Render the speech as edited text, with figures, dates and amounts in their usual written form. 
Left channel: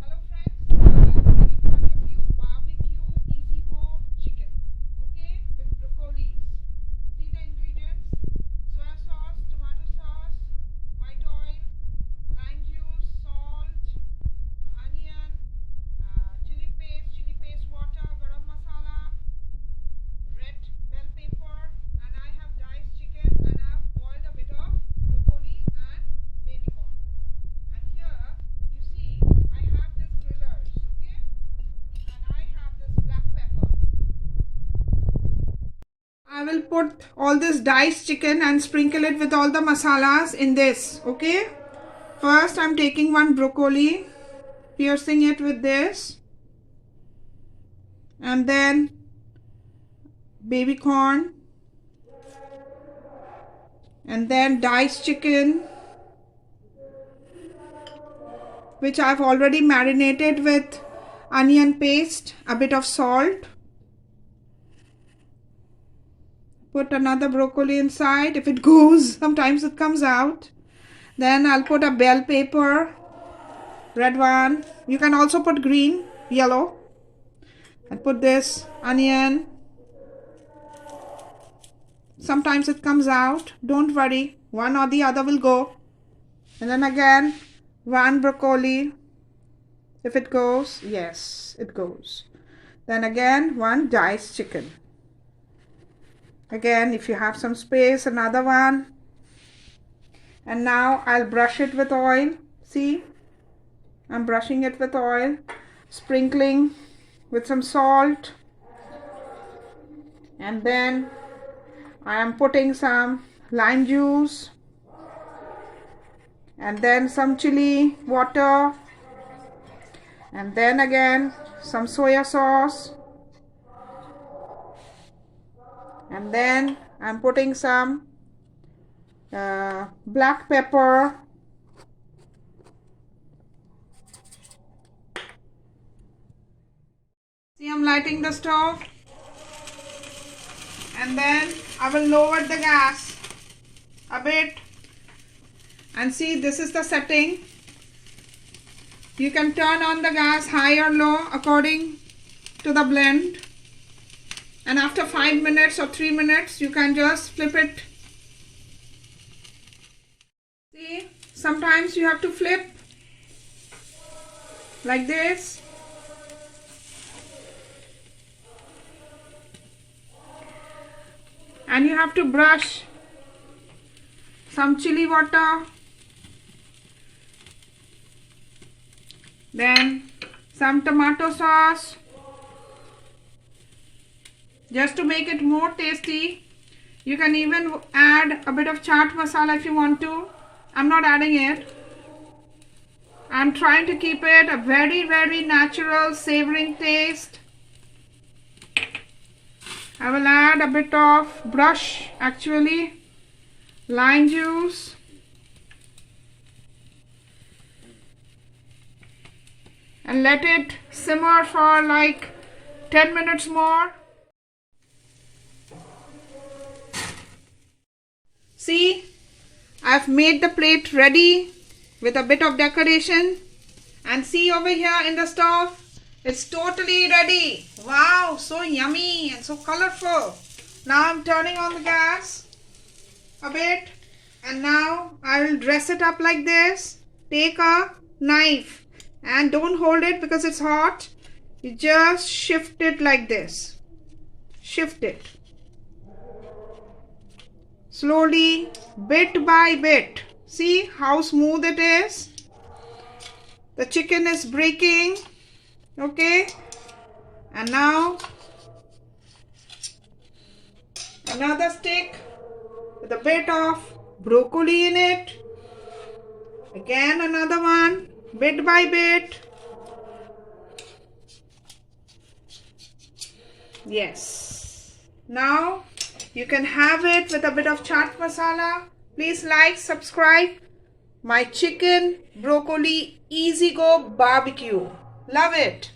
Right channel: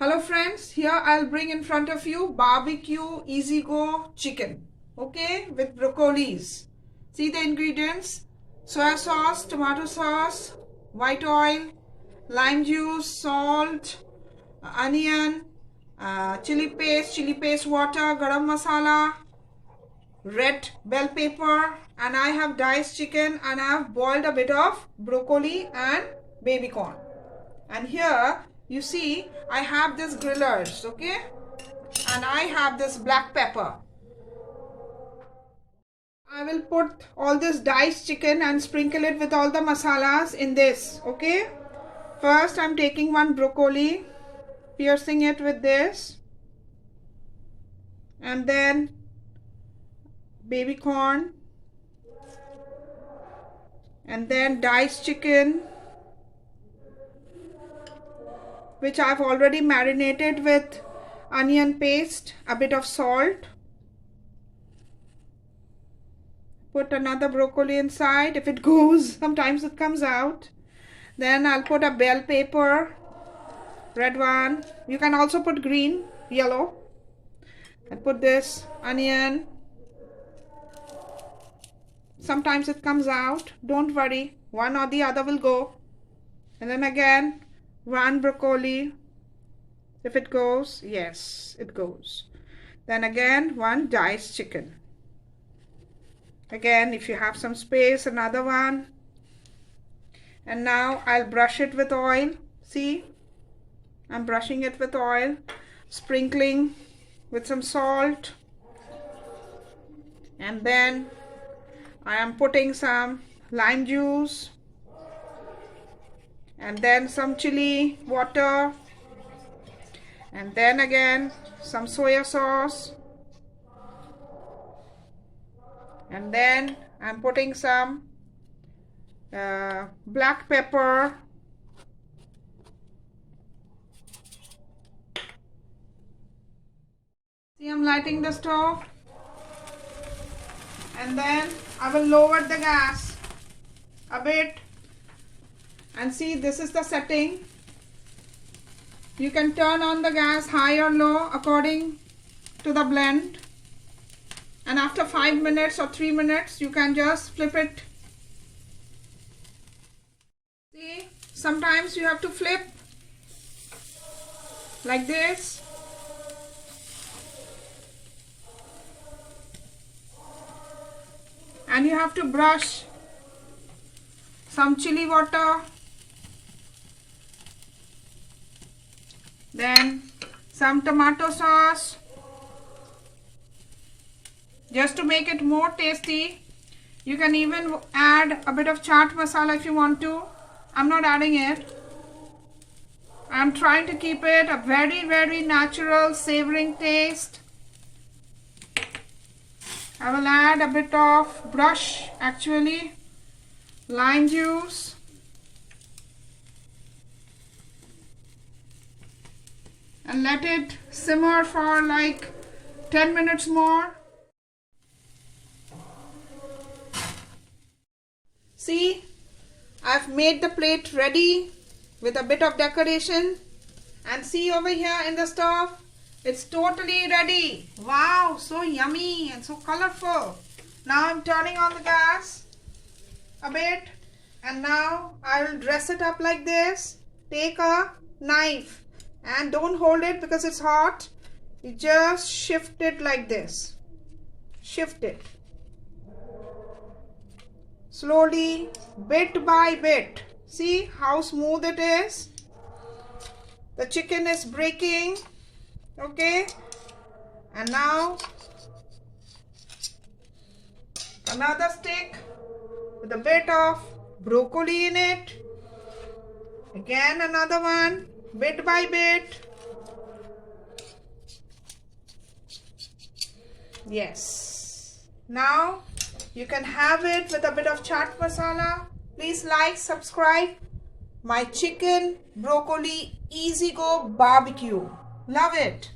Hello friends, here I'll bring in front of you barbecue easy go chicken, okay, with broccolis. See the ingredients: soya sauce, tomato sauce, white oil, lime juice, salt, onion, chili paste water, garam masala, red bell pepper, and I have diced chicken, and I have boiled a bit of broccoli and baby corn. And here you see I have this grillers, okay, and I have this black pepper. I will put all this diced chicken and sprinkle it with all the masalas in this, okay. First I'm taking one broccoli, piercing it with this, and then baby corn, and then diced chicken, which I've already marinated with onion paste, a bit of salt. Put another broccoli inside. If it goes, sometimes it comes out. Then I'll put a bell pepper, red one. You can also put green, yellow. And put this onion. Sometimes it comes out. Don't worry, one or the other will go. And then again, one broccoli. If it goes, yes, it goes. Then again, one diced chicken. Again, if you have some space, another one. And now I'll brush it with oil. See, I'm brushing it with oil, sprinkling with some salt, and then I am putting some lime juice, and then some chili water, and then again some soya sauce, and then I'm putting some black pepper, see, I'm lighting the stove, and then I will lower the gas a bit, and see, this is the setting. You can turn on the gas high or low according to the blend, and after 5 minutes or 3 minutes you can just flip it. See, sometimes you have to flip like this, and you have to brush some chili water, then some tomato sauce, just to make it more tasty. You can even add a bit of chaat masala if you want to. I'm not adding it. I'm trying to keep it a very natural savoring taste. I will add a bit of lime juice, and let it simmer for like 10 minutes more. See, I've made the plate ready with a bit of decoration, and see over here in the stove, it's totally ready. Wow, so yummy and so colorful. Now I'm turning on the gas a bit, and now I will dress it up like this. Take a knife and don't hold it because it's hot. You just shift it like this. Shift it slowly, bit by bit. See how smooth it is? The chicken is breaking. Okay, and now another stick with a bit of broccoli in it. Again another one, bit by bit. Yes, now you can have it with a bit of chaat masala. Please like, subscribe my chicken broccoli easy go barbecue. Love it.